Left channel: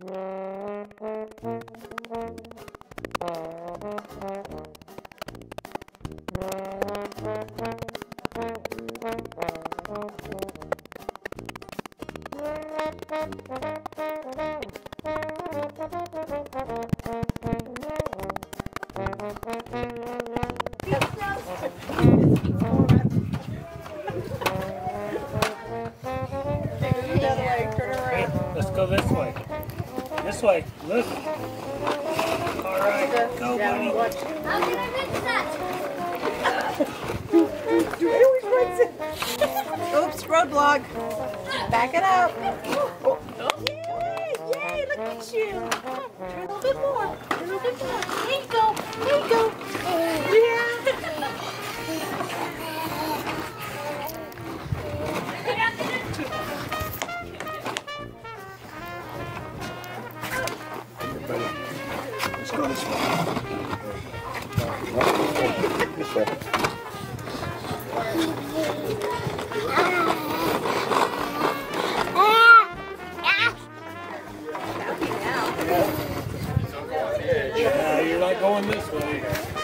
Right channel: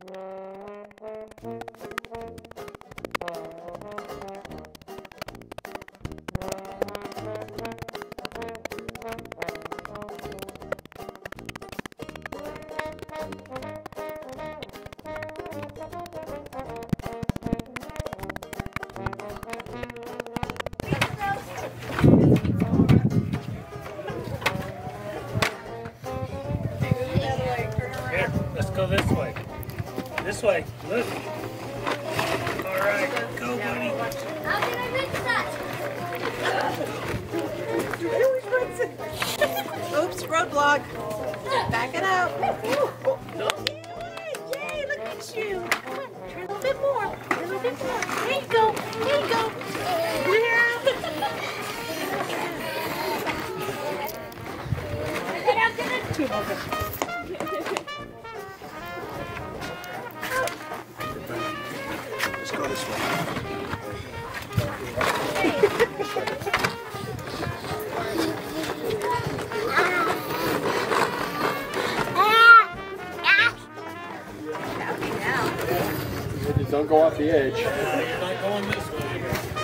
Let's go this way. This way. Look. All right. Go, buddy. How did I miss that? He always runs it. Oops, roadblock. Back it up. Yay, look at you. Come on, turn a little bit more. Turn a little bit more. There you go. There you go. Let's go this way. Don't go off the edge. You're not going this way.